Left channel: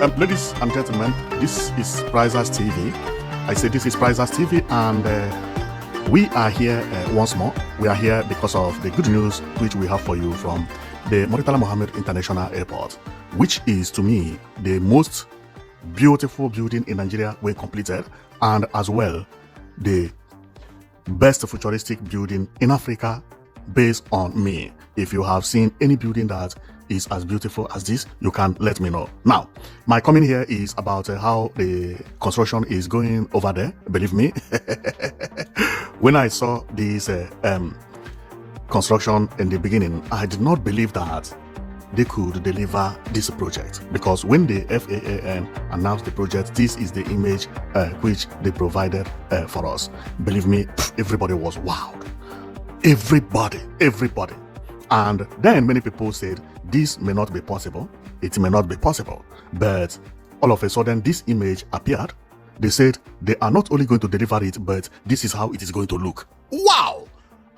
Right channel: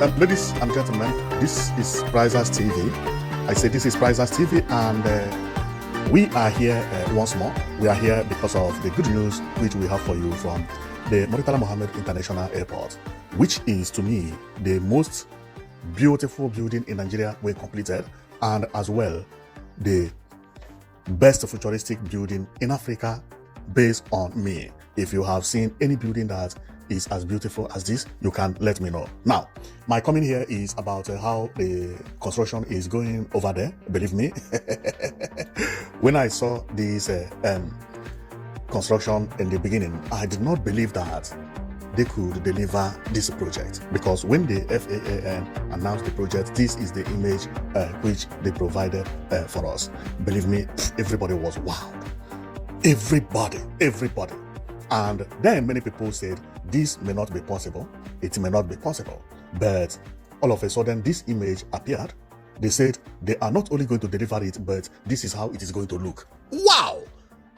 Ladies and gentlemen, this is Prizers TV. I say this is Prizers TV, and we are here once more. We are here because of the good news which we have for you from the Murtala Muhammed International Airport, which is to me the most beautiful building in Nigeria we completed, and as well the best futuristic building in Africa based on me. If you have seen any building that is as beautiful as this, you can let me know. Now, my comment here is about how the construction is going over there. Believe me, when I saw this construction in the beginning, I did not believe that they could deliver this project, because when the FAAN announced the project, this is the image which they provided for us. Believe me, everybody was wowed. Everybody. And then many people said, this may not be possible, it may not be possible. But all of a sudden, this image appeared. They said they are not only going to deliver it, but this is how it is going to look. Wow!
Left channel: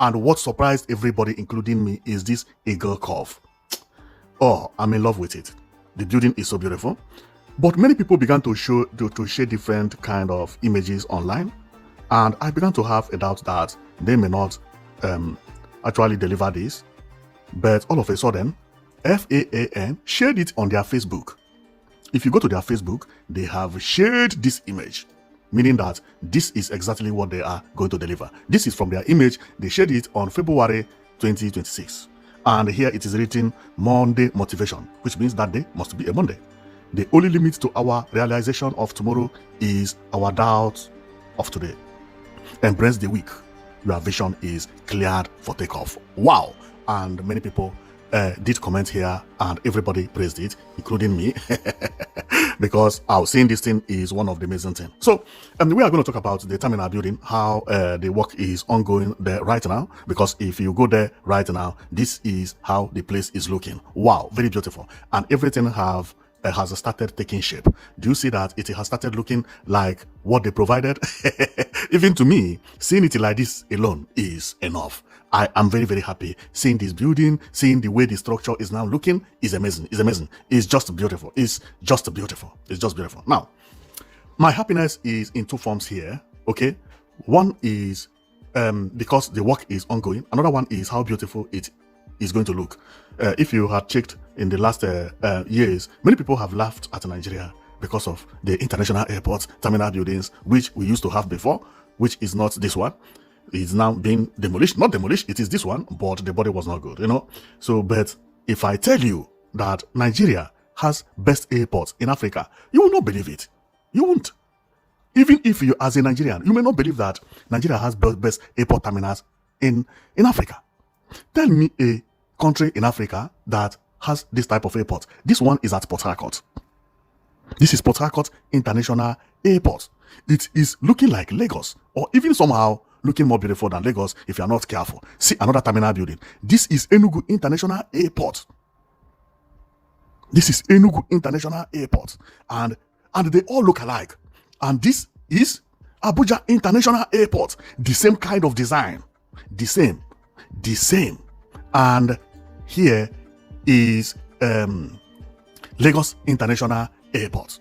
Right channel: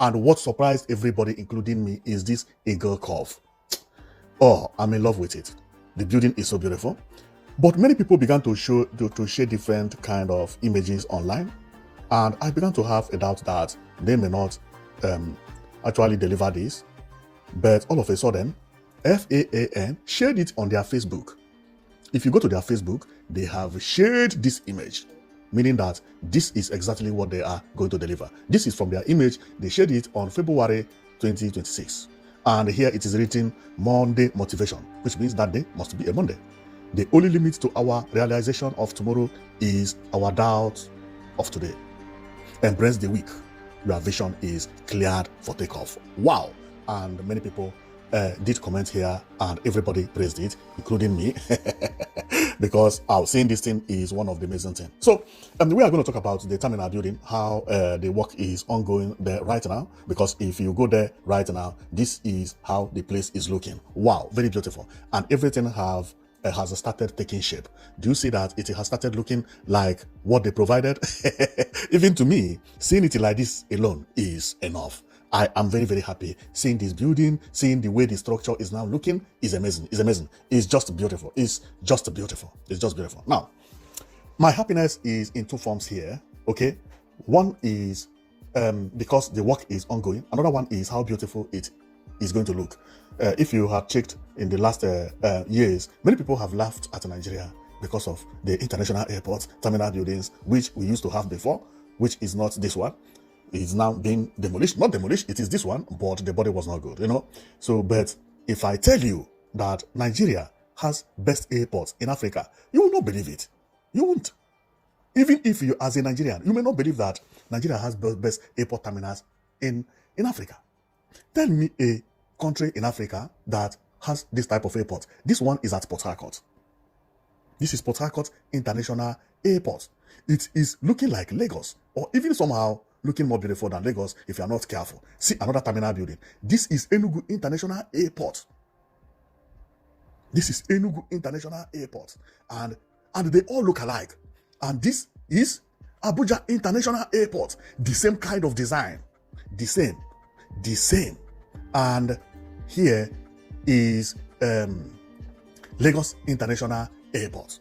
And what surprised everybody, including me, is this eagle curve. Oh, I'm in love with it. The building is so beautiful. But many people began to share different kind of images online. And I began to have a doubt that they may not actually deliver this. But all of a sudden, FAAN shared it on their Facebook. If you go to their Facebook, they have shared this image, meaning that this is exactly what they are going to deliver. This is from their image. They shared it on February 2026. And here it is written Monday motivation, which means that day must be a Monday. The only limit to our realization of tomorrow is our doubt of today. Embrace the week. Your vision is cleared for takeoff. Wow. And many people did comment here, and everybody praised it, including me, because our seeing this thing is one of the amazing things. So we are going to talk about the terminal building, how the work is ongoing there right now, because if you go there right now, this is how the place is looking. Wow, very beautiful. And everything has started taking shape. Do you see that it has started looking like what they provided? Even to me, seeing it like this alone is enough. I am very, very happy. Seeing this building, seeing the way the structure is now looking is amazing. It's amazing. It's just beautiful. It's just beautiful. It's just beautiful. Now, my happiness is in two forms here. Okay. One is because the work is ongoing. Another one is how beautiful it is going to look. If you had checked in the last years, many people have laughed at Nigeria because of the international airports, terminal buildings, which we used to have before, which is not this one. It's now being demolished. Not demolished, it is this one, but the body was not good, you know. So, but if I tell you that Nigeria has best airports in Africa, you will not believe it. You won't. Even if you, as a Nigerian, you may not believe that Nigeria has best airport terminals in Africa. Tell me a country in Africa that has this type of airport. This one is at Port Harcourt. This is Port Harcourt International Airport. It is looking like Lagos, or even somehow looking more beautiful than Lagos if you are not careful. See another terminal building. This is Enugu International Airport. This is Enugu International Airport. And they all look alike. And this is Abuja International Airport. The same kind of design. The same. And here is Lagos International Airport.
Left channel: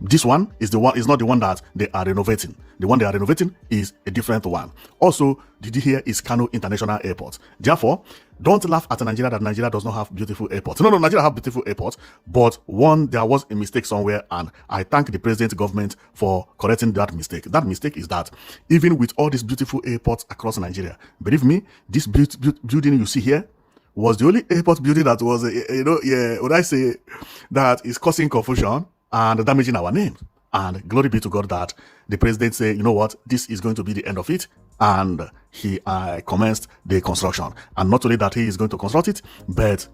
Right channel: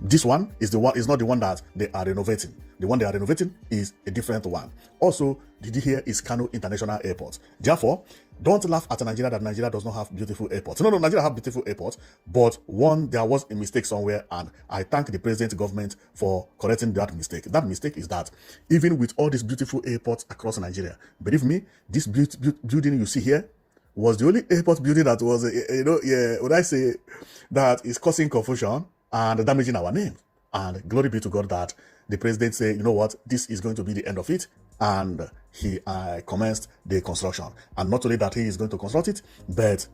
This one is not the one that they are renovating. The one they are renovating is a different one. Also, the here is Kano International Airport. Therefore, don't laugh at Nigeria that Nigeria does not have beautiful airports. No, Nigeria have beautiful airports, but there was a mistake somewhere, and I thank the present government for correcting that mistake. That mistake is that even with all these beautiful airports across Nigeria, believe me, this building you see here was the only airport building that was, when I say that is causing confusion and damaging our name. And glory be to God that the president said, you know what, this is going to be the end of it. And he commenced the construction. And not only that he is going to construct it, but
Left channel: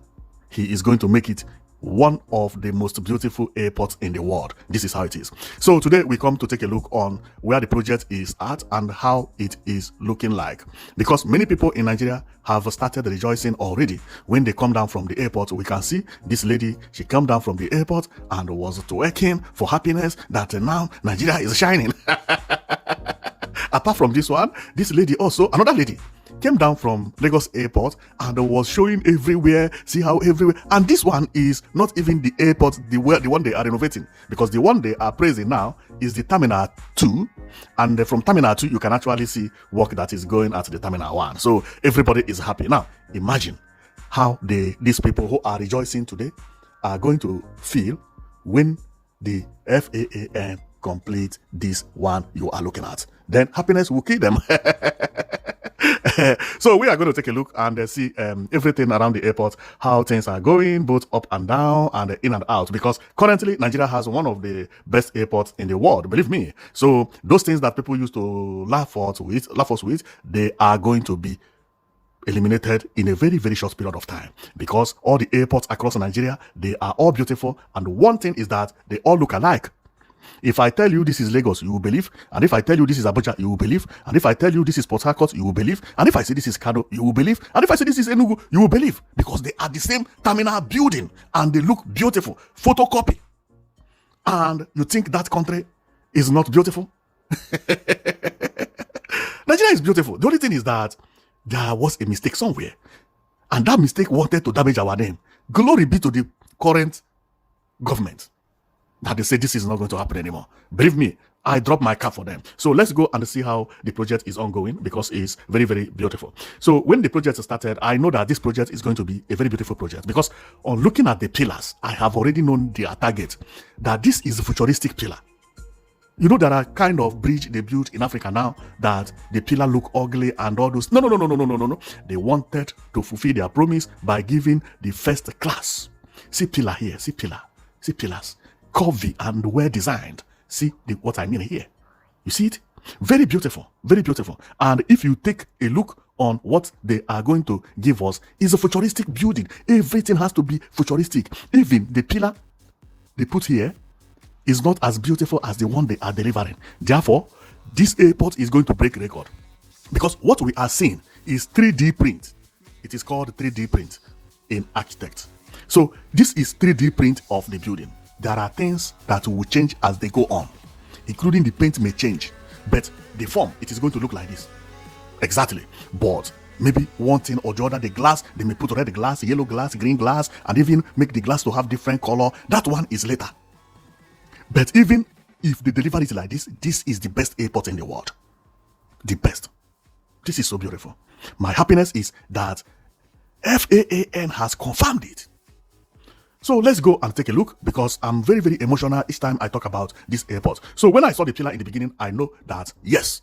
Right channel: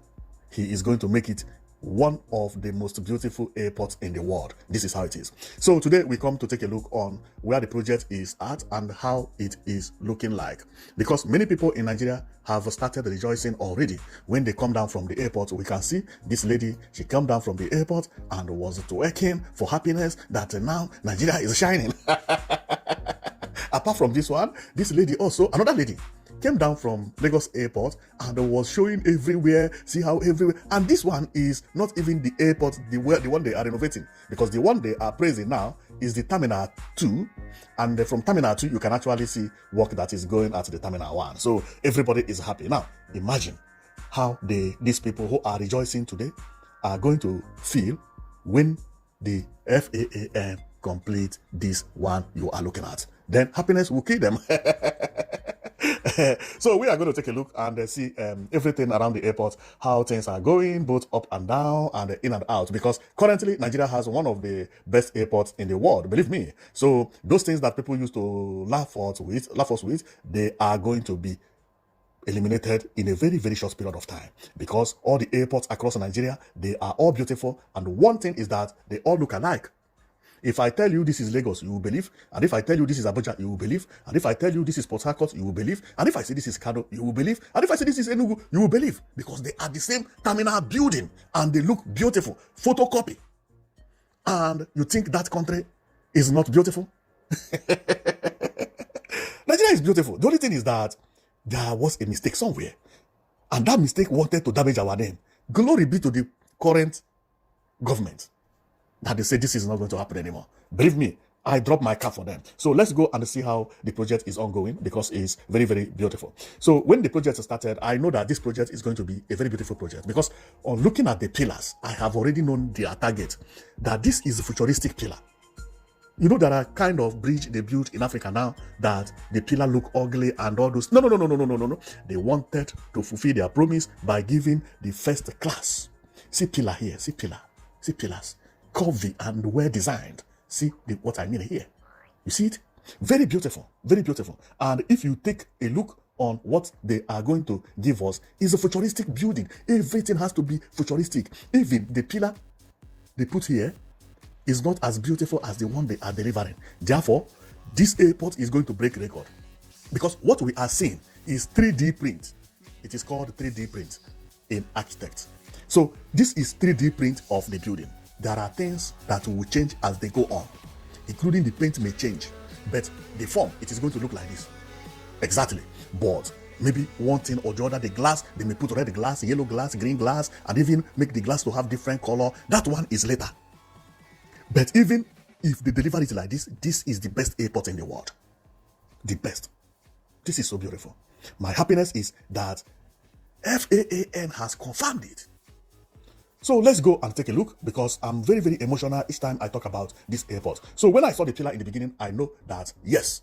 he is going to make it one of the most beautiful airports in the world. This is how it is. So today we come to take a look on where the project is at and how it is looking like. Because many people in Nigeria have started rejoicing already. When they come down from the airport, we can see this lady, she came down from the airport and was twerking for happiness that now Nigeria is shining. Apart from this one, this lady also, another lady, came down from Lagos Airport and was showing everywhere, see how everywhere. And this one is not even the airport, the one they are renovating, because the one they are praising now is the Terminal 2. And from Terminal 2, you can actually see work that is going at the Terminal 1. So everybody is happy. Now, imagine how these people who are rejoicing today are going to feel when the FAAN complete this one you are looking at. Then happiness will kill them. So we are going to take a look and see everything around the airport, how things are going, both up and down and in and out, because currently Nigeria has one of the best airports in the world, believe me. So those things that people used to laugh us with, they are going to be eliminated in a very, very short period of time, because all the airports across Nigeria, they are all beautiful, and one thing is that they all look alike. If I tell you this is Lagos, you will believe. And if I tell you this is Abuja, you will believe. And if I tell you this is Port Harcourt, you will believe. And if I say this is Kano, you will believe. And if I say this is Enugu, you will believe. Because they are the same terminal building and they look beautiful. Photocopy. And you think that country is not beautiful? Nigeria is beautiful. The only thing is that there was a mistake somewhere. And that mistake wanted to damage our name. Glory be to the current government that they say this is not going to happen anymore. Believe me, I dropped my cap for them. So let's go and see how the project is ongoing, because it's very, very beautiful. So when the project started, I know that this project is going to be a very beautiful project, because on looking at the pillars, I have already known their target, that this is a futuristic pillar. You know, there are kind of bridge they built in Africa now that the pillar look ugly and all those. No. They wanted to fulfill their promise by giving the first class. See pillar here, see pillar, see pillars. Curvy and well designed. See what I mean here? You see it? Very beautiful, very beautiful. And if you take a look on what they are going to give us, is a futuristic building. Everything has to be futuristic. Even the pillar they put here is not as beautiful as the one they are delivering. Therefore, this airport is going to break record, because what we are seeing is 3D print. It is called 3D print in architect. So this is 3D print of the building. There are things that will change as they go on, including the paint may change, but the form, it is going to look like this. Exactly. But maybe one thing or the other, the glass, they may put red glass, yellow glass, green glass, and even make the glass to have different color. That one is later. But even if they deliver it like this, this is the best airport in the world. The best. This is so beautiful. My happiness is that FAAN has confirmed it. So let's go and take a look, because I'm very, very emotional each time I talk about this airport. So when I saw the pillar in the beginning, I know that, yes,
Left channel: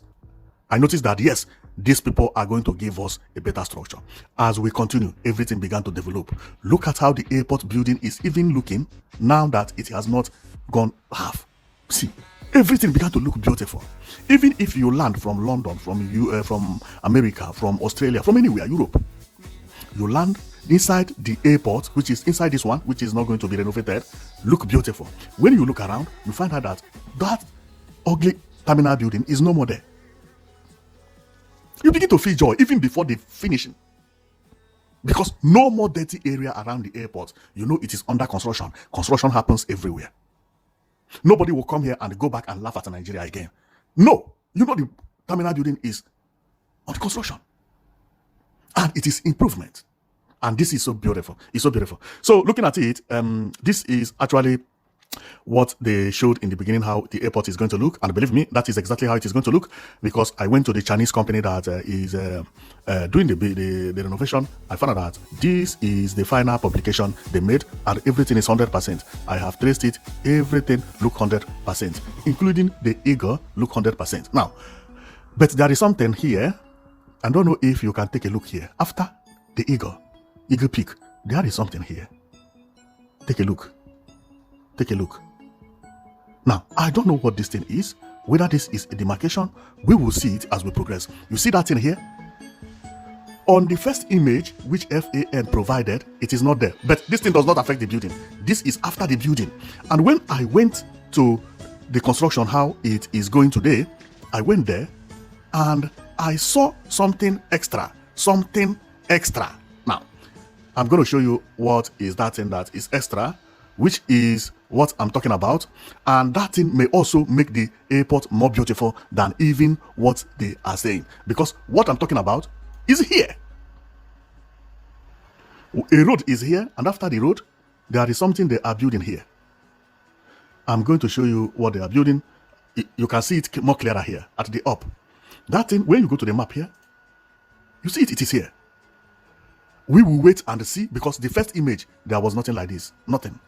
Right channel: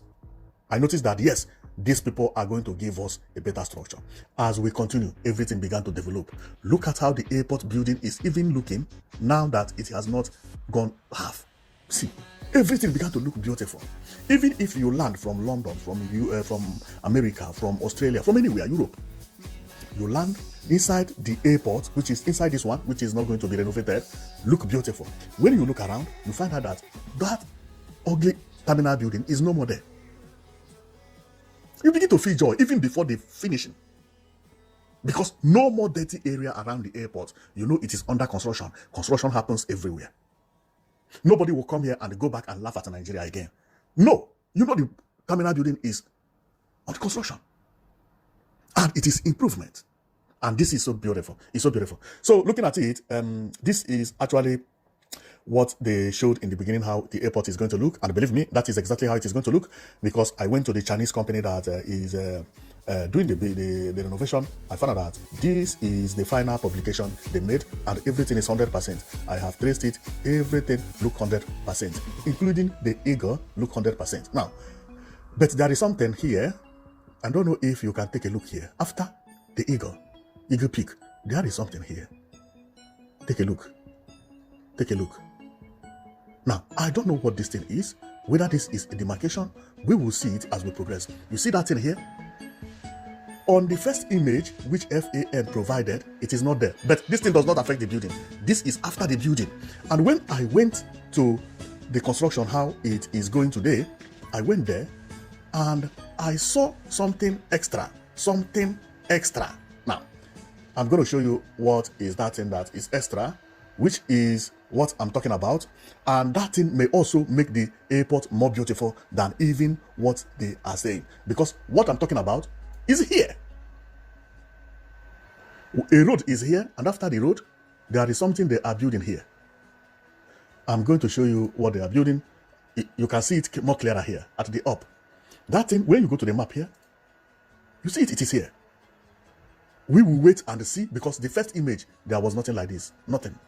I noticed that, yes, these people are going to give us a better structure. As we continue, everything began to develop. Look at how the airport building is even looking now that it has not gone half. See, everything began to look beautiful. Even if you land from London, from America, from Australia, from anywhere, Europe, you land inside the airport, which is inside this one, which is not going to be renovated, look beautiful. When you look around, you find out that that ugly terminal building is no more there. You begin to feel joy even before the finishing, because no more dirty area around the airport. You know it is under construction. Construction happens everywhere. Nobody will come here and go back and laugh at Nigeria again. No, you know the terminal building is under construction, and it is improvement. And this is so beautiful. It's so beautiful. So looking at it, this is actually what they showed in the beginning, how the airport is going to look. And believe me, that is exactly how it is going to look, because I went to the Chinese company that is doing the renovation. I found out that this is the final publication they made, and everything is 100%. I have traced it. Everything look 100%, including the eagle look 100%. Now, but there is something here. I don't know if you can take a look here. After the eagle peak, there is something here. Take a look. Take a look. Now, I don't know what this thing is. Whether this is a demarcation, we will see it as we progress. You see that thing here? On the first image, which FAN provided, it is not there. But this thing does not affect the building. This is after the building. And when I went to the construction, how it is going today, I went there and I saw something extra. Something extra. Now, I'm going to show you what is that thing that is extra, which is what I'm talking about. And that thing may also make the airport more beautiful than even what they are saying. Because what I'm talking about is here. A road is here, and after the road, there is something they are building here. I'm going to show you what they are building. You can see it more clearer here at the up. That thing, when you go to the map here, you see it is here. We will wait and see, because the first image, there was nothing like this. Nothing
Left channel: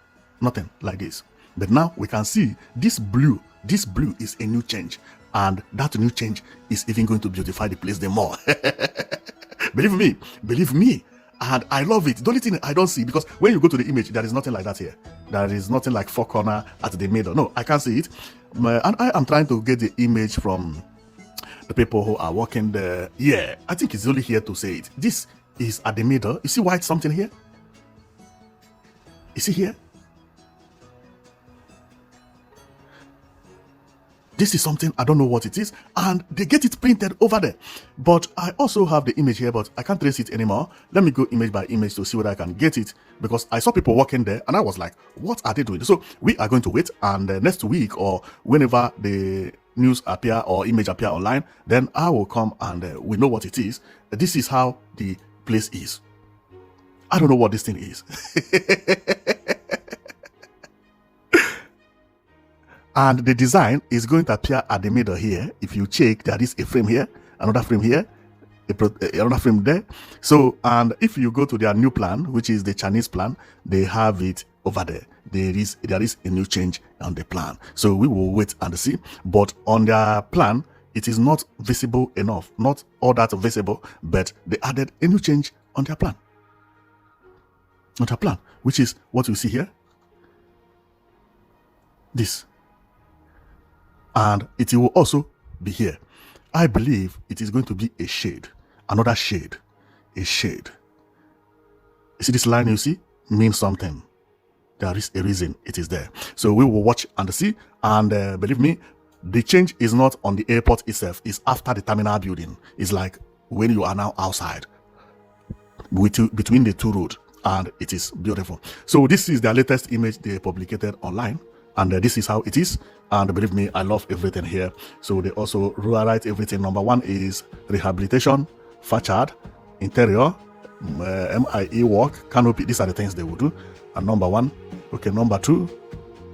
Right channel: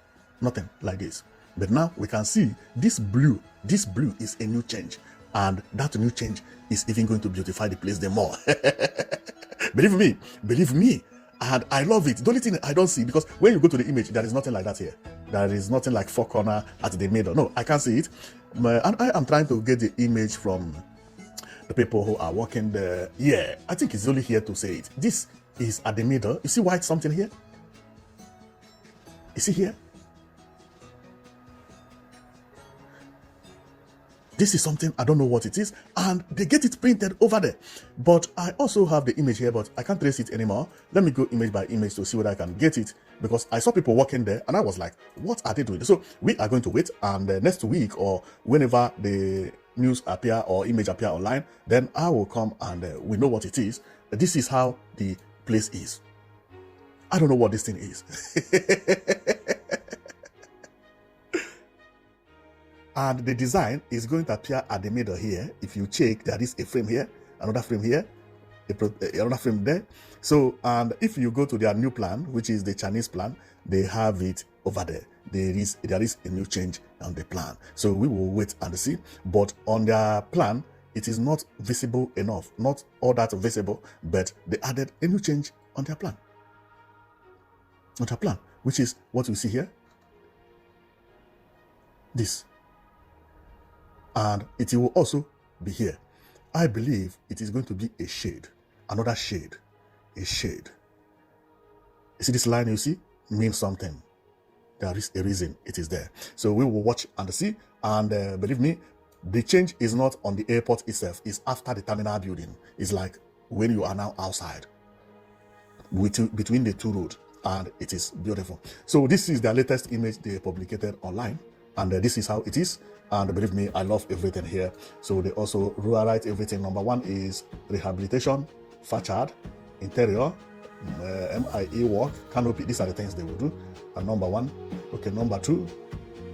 like this. But now we can see this blue is a new change. And that new change is even going to beautify the place the more. Believe me. And I love it. The only thing I don't see, because when you go to the image, there is nothing like that here. There is nothing like four corner at the middle. No, I can't see it. And I am trying to get the image from the people who are working there. Yeah, I think it's only here to say it. This is at the middle. You see white something here? You see here? This is something, I don't know what it is, and they get it painted over there. But I also have the image here, but I can't trace it anymore. Let me go image by image to see whether I can get it, because I saw people working there and I was like, what are they doing? So we are going to wait, and next week or whenever the news appear or image appear online, then I will come and we know what it is. This is how the place is. I don't know what this thing is. And the design is going to appear at the middle here. If you check, there is a frame here, another frame here, another frame there. So, and if you go to their new plan, which is the Chinese plan, they have it over there. There is a new change on the plan. So we will wait and see. But on their plan, it is not visible enough, not all that visible, but they added a new change on their plan. On their plan, which is what you see here. This. And it will also be here. I believe it is going to be a shade, another shade, a shade. You see this line you see? Means something. There is a reason it is there. So we will watch and see. And believe me, the change is not on the airport itself. It's after the terminal building. It's like when you are now outside between the two roads. And it is beautiful. So this is their latest image they publicated online. And this is how it is. And believe me, I love everything here. So they also write everything. Number one is rehabilitation, facade, interior, MIE work, canopy. These are the things they will do. And number one. Okay, number two,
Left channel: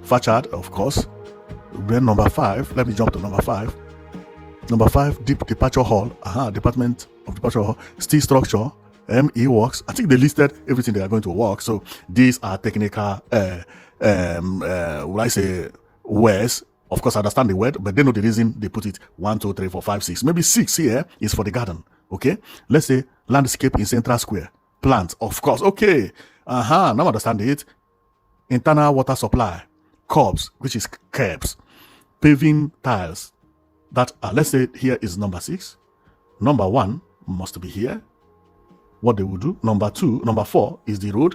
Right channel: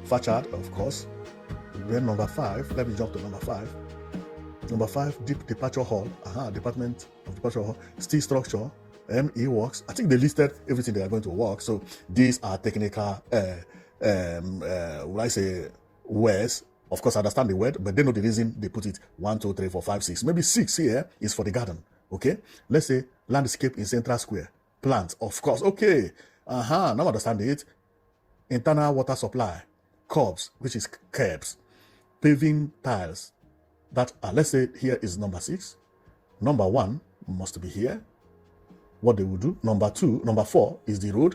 facade, of course. Then number five, let me jump to number five. Number five, deep departure hall. Department of departure hall, steel structure, ME works. I think they listed everything they are going to work. So these are technical words. Of course, I understand the word, but they know the reason they put it 1, 2, 3, 4, 5, 6. Maybe 6 here is for the garden. Okay, let's say landscape in central square, plant, of course. Okay, now I understand it. Internal water supply, curbs, which is curbs, paving tiles. That let's say here is number 6. Number 1 must be here. What they will do. Number 4 is the road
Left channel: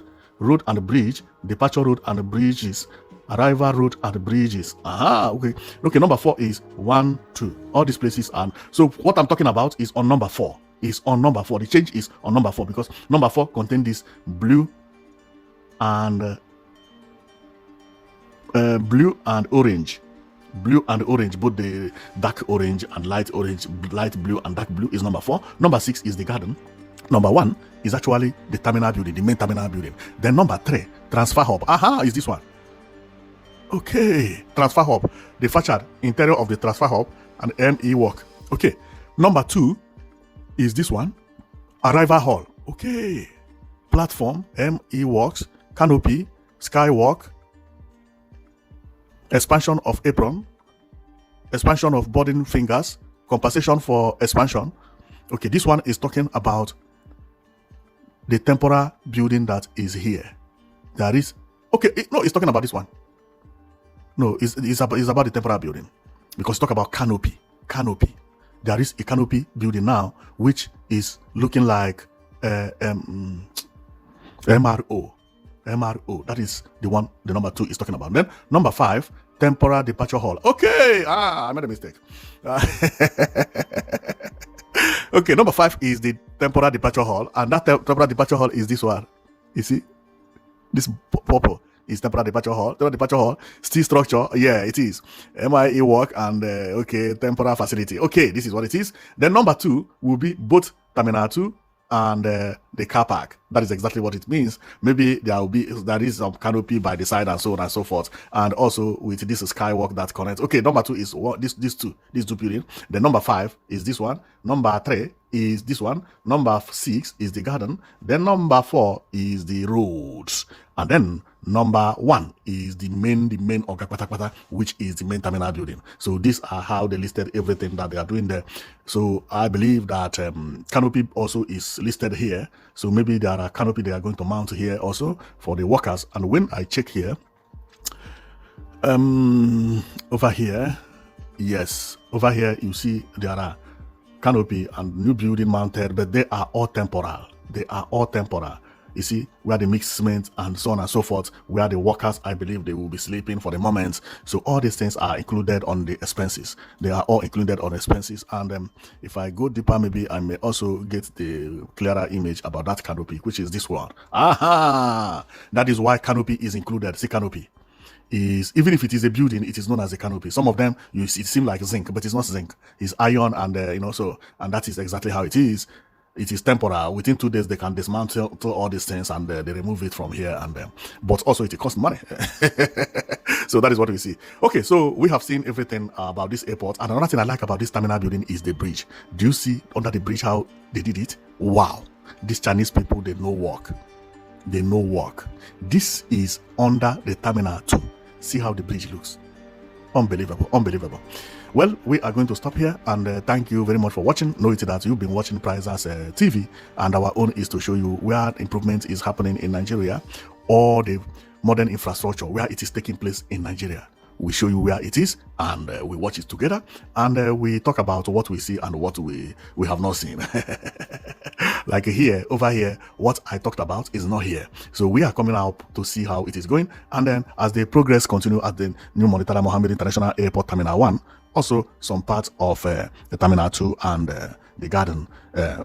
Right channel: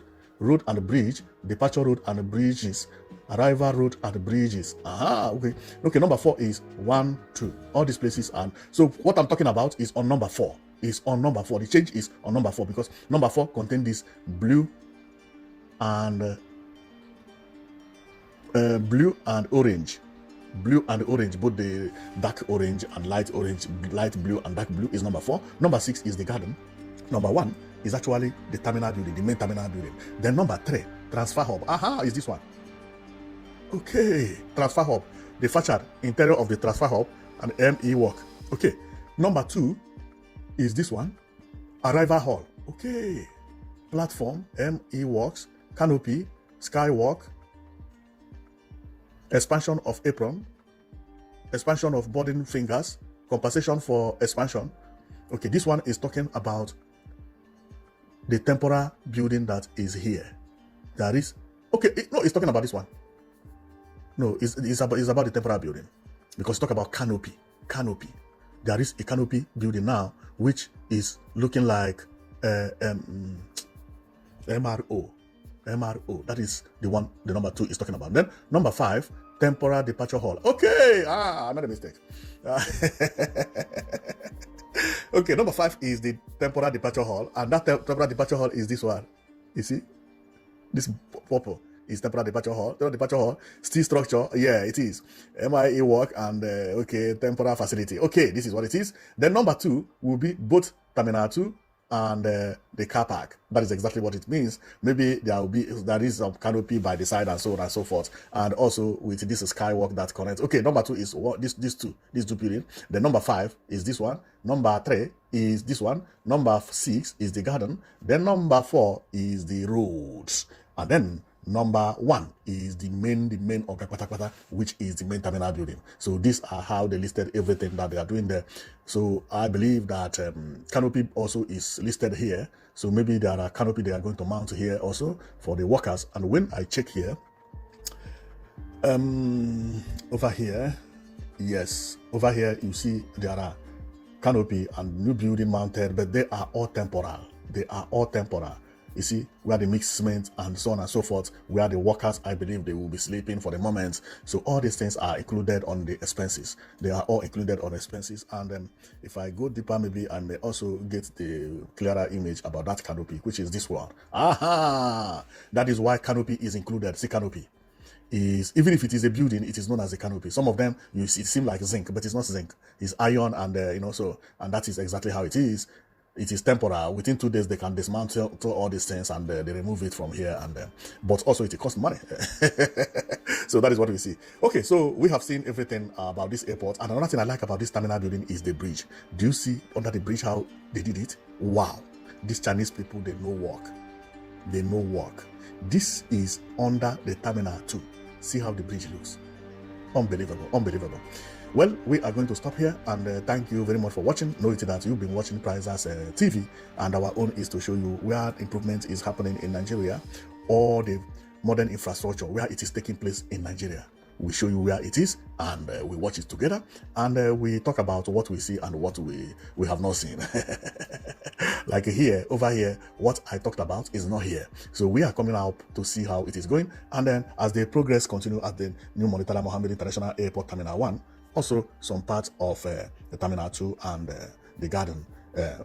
and the bridge, departure road and the bridges, arrival road and the bridges. Okay. Number 4 is 1, 2. All these places, and so what I'm talking about is on number 4. Is on number 4. The change is on number 4 because number 4 contains this blue and orange. Blue and orange, both the dark orange and light orange, light blue and dark blue is number 4. Number 6 is the garden. Number 1 is actually the terminal building, the main terminal building. Then number 3, transfer hub. Is this one. Okay, transfer hub, the facade, interior of the transfer hub, and ME work. Okay, number 2 is this one, arrival hall. Okay, platform, ME works, canopy, skywalk, expansion of apron, expansion of boarding fingers, compensation for expansion. Okay, this one is talking about the temporary building that is here. That is, it's talking about this one. No, it's about the temporary building because talk about canopy. There is a canopy building now which is looking like MRO. That is the one. The number 2 is talking about. Then number 5, temporary departure hall. Okay, I made a mistake. Okay, number 5 is the temporary departure hall, and that temporary departure hall is this one. You see, this purple is temporary departure hall. Temporary departure hall, steel structure. Yeah, it is MIE work and temporary facility. Okay, this is what it is. Then number 2 will be both terminal 2 and the car park. That is exactly what it means. Maybe there is a canopy by the side and so on and so forth. And also with this skywalk that connects. Okay, number 2 is what these two buildings. The number 5 is this one. Number 3 is this one. Number 6 is the garden. Then number 4 is the roads. And then number 1 is the main Oga, which is the main terminal building. So these are how they listed everything that they are doing there. So I believe that canopy also is listed here. So maybe there are canopy they are going to mount here also for the workers. And when I check here, over here, yes, over here you see there are canopy and new building mounted, but they are all temporal. They are all temporal. You see, where they mix cement and so on and so forth, where the workers, I believe they will be sleeping for the moment. So all these things are included on the expenses. They are all included on expenses. And if I go deeper, maybe I may also get the clearer image about that canopy, which is this one. Aha! That is why canopy is included. See, canopy is, even if it is a building, it is known as a canopy. Some of them, it seem like zinc, but it's not zinc. It's iron, and and that is exactly how it is. It is temporal. Within 2 days, they can dismantle all these things and they remove it from here. And but also it costs money. So that is what we see. Okay, so we have seen everything about this airport. And another thing I like about this terminal building is the bridge. Do you see under the bridge how they did it? Wow. These Chinese people, they know work. They know work. This is under the terminal 2. See how the bridge looks. Unbelievable. Unbelievable. Well, we are going to stop here, and thank you very much for watching. Know it that you've been watching Prizers TV, and our own is to show you where improvement is happening in Nigeria, or the modern infrastructure where it is taking place in Nigeria. We show you where it is, and we watch it together, and we talk about what we see and what we have not seen. Like here, over here, what I talked about is not here. So we are coming out to see how it is going, and then as the progress continue at the new Murtala Muhammed International Airport Terminal 1, also some parts of the Terminal 2 and the garden,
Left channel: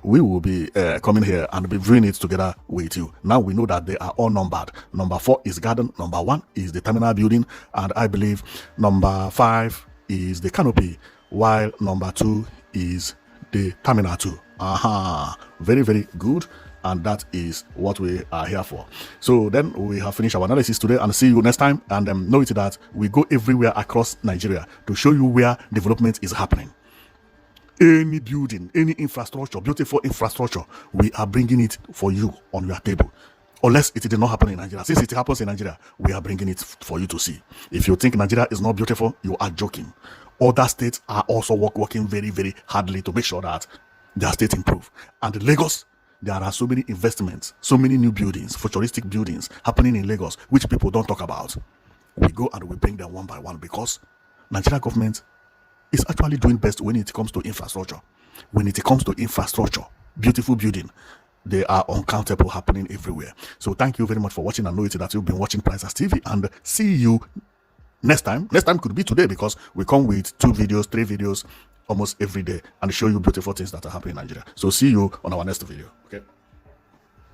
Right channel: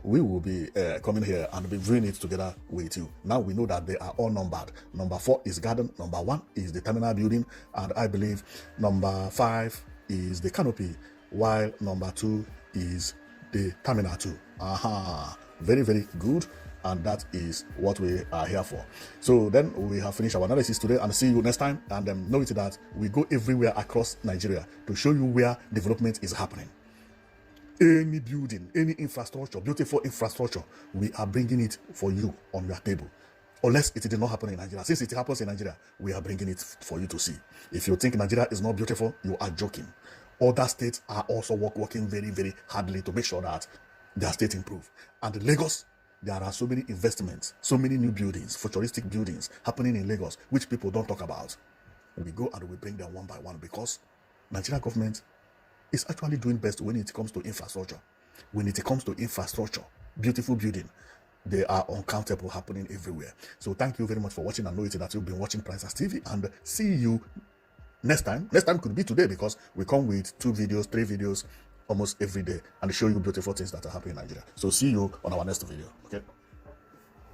we will be coming here and be viewing it together with you. Now we know that they are all numbered. Number 4 is garden, number 1 is the terminal building, and I believe number 5 is the canopy, while number 2 is the Terminal 2. Aha, very, very good. And that is what we are here for. So then we have finished our analysis today, and see you next time. And know it that we go everywhere across Nigeria to show you where development is happening. Any building, any infrastructure, beautiful infrastructure, we are bringing it for you on your table. Unless it did not happen in Nigeria. Since it happens in Nigeria, we are bringing it for you to see. If you think Nigeria is not beautiful, you are joking. Other states are also working very, very hardly to make sure that their state improve. And Lagos, there are so many investments, so many new buildings, futuristic buildings happening in Lagos, which people don't talk about. We go and we bring them one by one, because Nigeria government is actually doing best when it comes to infrastructure. When it comes to infrastructure, beautiful building, they are uncountable, happening everywhere. So thank you very much for watching, and know it that you've been watching Prizers TV, and see you next time. Next time could be today, because we come with 2 videos, 3 videos almost every day, and show you beautiful things that are happening in Nigeria. So see you on our next video. Okay.